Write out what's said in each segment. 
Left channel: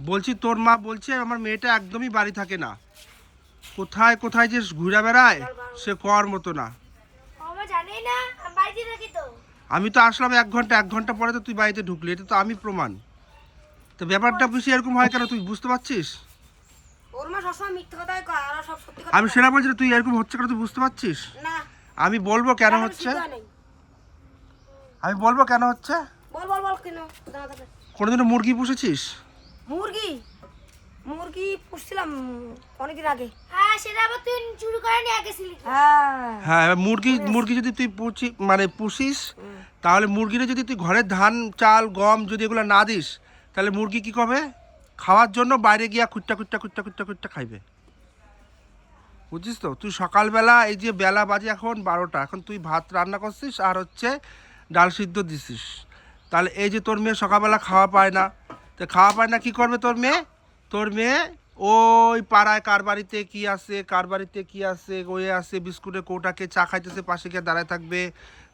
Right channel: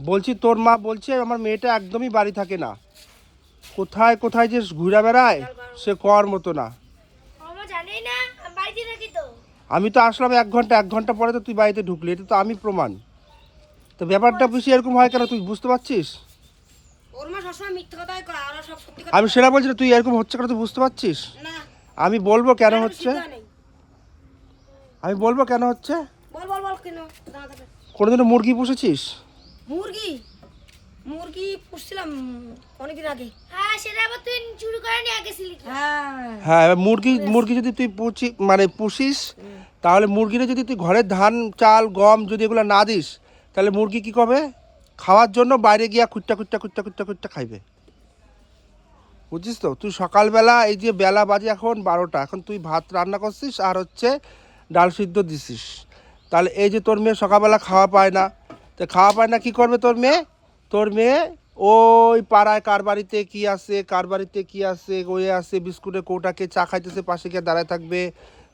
বলছি তোর মা বলছে আমার মেয়েটা একদমই বাড়ি থাকে না। কোথায় কোথায় যে ঘুরে বেড়ায় সে কর মতো না। আমি তো। আসলাম এক ঘণ্টা এক ঘণ্টা পরে তো তুই বাড়িতে ঢুকলি এটা তো আমি প্রমাণ। তো ব্যাপারটা বুঝি এরকম হয় কেন তুই বুঝতে পারছিস? আমি সেটা বলছি তুই এরকম হচ্ছে কেন তুই বুঝতে পারছিস? আমি বলব কেন হচ্ছে? আমি বলব কেন হচ্ছে? বল বল বল কেন। কোনোদিনও মুরগি পুষেছিস? মুরগি? মুরগি পুষছিলাম অনেকদিন আগে। হ্যাঁ সেটা আবার তুই চুরি করে নিয়ে গেছিলি হ্যাঁ। হ্যাঁ এবার মুরগি মুরগি যদি তুই পুষি মানে পুষিস তাহলে মুরগিটা যদি তুই ঘরে ধান চাল গম যদি এগুলো না দিস তাহলে মুরগি কি করবে? খাওয়ার জন্য বাইরে গিয়া খুঁটটা খুঁটটা খুঁটটা খুঁটটা খুঁটটা খাইবে। বুঝছিস তো? তুই সকালবেলা এই যে বেলা বাজে এখন বারোটা এখন তুই ভাত রান্না করছিস আর হচ্ছে ডাল সিদ্ধ দিছিস। তাহলে এই যে তোর মেয়ে সকালবেলা খাওয়া পায় না তো খাওয়া পায় না কি করবে তোর মেয়ে? তোর মেয়ে ওই পাড়ায় কার বাড়িতে কি আছে কার বাড়িতে কি আছে ওই আছে বিস্কুটে কৌটাকে চা খাইতেছে পাশে গিয়ে দাঁড়ায় থাকবে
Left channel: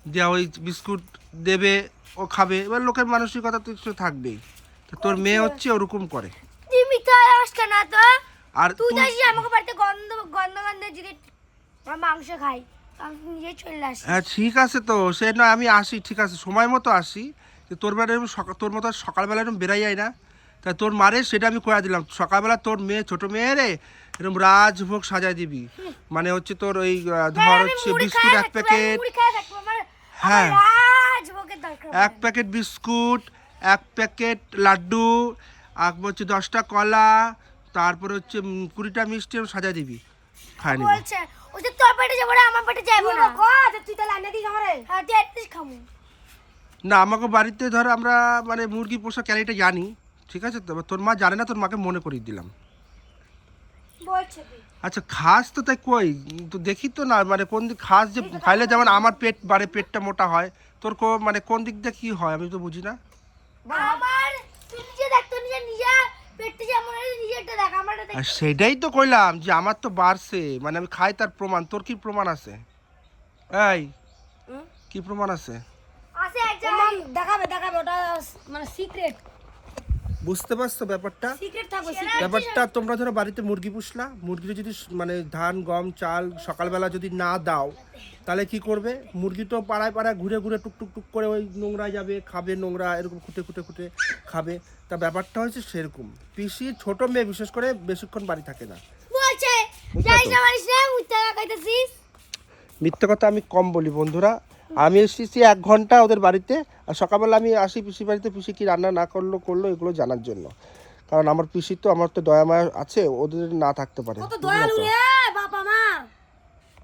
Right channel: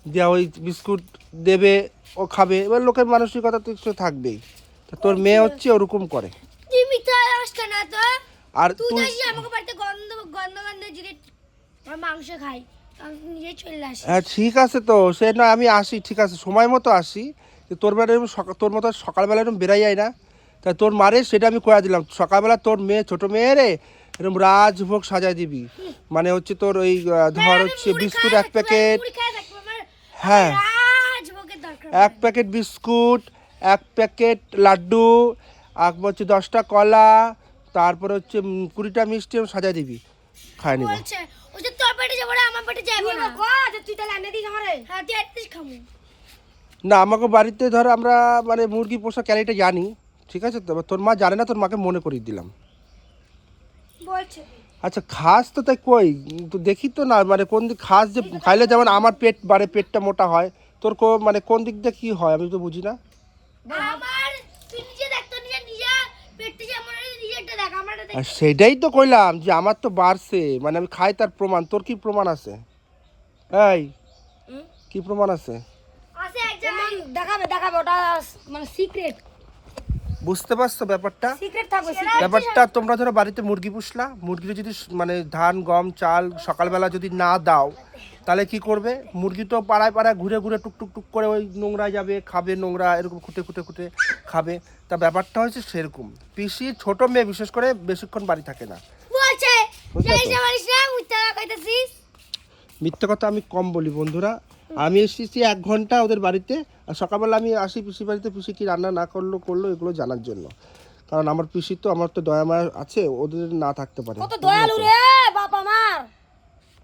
দেওয়া ওই বিস্কুট দেবে ও খাবে এবার লোকের মানসিকতা তো কিছু থাকবেই। তোর মেয়ে হচ্ছে ওরকম করে। না তো। আর তুই আমাকে বাড়িতে গন্ধ গন্ধ গন্ধ যদি মাংস খাই আমি নিজে চলে আসি হ্যাঁ ঠিক আছে তো সে না আমি আসি ঠিক আছে সময় মতো আসি। তোর বেলা এরকম তোর মতো সকালবেলা এরকম বেরাই যায় না। তা তোর মারে সেটা আমি করে দিলাম সকালবেলা তোর মেয়ে ছোট মেয়ে রে এরকম রাজভোগ সাজায় দিবি। মানে হচ্ছে তোর ওই ধর হচ্ছে বিস্কুট এক প্যাকেট হ্যাঁ। এক প্যাকেট বিস্কুট এক প্যাকেট লাড্ডু এক হচ্ছে দশটা কলা তারপর হচ্ছে কুড়িটা মিষ্টি এরকম সাজায় দিবি খাই নিবি। বলছে ওই যে তোর পেটে যাব আমার পেটে যাব না যে তুই তাহলে এনে দিস আমারে। হ্যাঁ তুই খামু না আমাকে বাড়িতে ধর আমরা মানে মুরগি পোষা ক্যারিটা জানি ঠিক আছে তো? তোর মা জানে না তোর মাকে মনে করিয়ে দিলাম। আচ্ছা খাস তো তাই কই? তো দেখি তো না মানে কোন দিক খাস যে খাইলে যেমন আমার পেট বাড়ে পেটটা মোটা হয় তোর কো মানে কোন দিক দিয়ে কি হয় আমি তো বুঝি না। সেটাই তো কইলাম যে আমার তো বাড়ছে মানে আমি খাই তার প্রমাণ তোর কি প্রমাণ আছে? এই? কি প্রমাণ আছে? দেখাবে দেখাবে ওটা মানে সিক্রেট বুঝতে পারছ ব্যাপারটা। ব্যাপারটা তোমরা ধরো বাড়িতে মুরগি পুষলা মুরগির যদি মানে ধান গম চাল সকালবেলা যদি না দাও তাহলে কি করবে? মুরগি তো পাড়ায় পাড়ায় ঘুরে ঘুরে টুক টুক টুক করে ওই নোংরা যাবে খাবে নোংরা এরকম খুঁটে খুঁটে খুঁটে খাবে। তা ব্যাপারটা হচ্ছে সেরকম। পিসির ছোট মেয়ে বিশেষ করে বেশিক্ষণ বাড়ি থাকে না। মিথ্যে কথা আমি কম বলি বন্ধুরা। আমি এসেছি এক ঘণ্টা ওদের বাড়িতে। আর সকালবেলা আমি আসি পিসির বাড়িতে, পিসি কি রান্না না করল করল, এগুলো জানার জন্য। কারণ আমার পিসি তো, আমার তো দয়া মায়া আছে, ওদের না থাকতে পারে।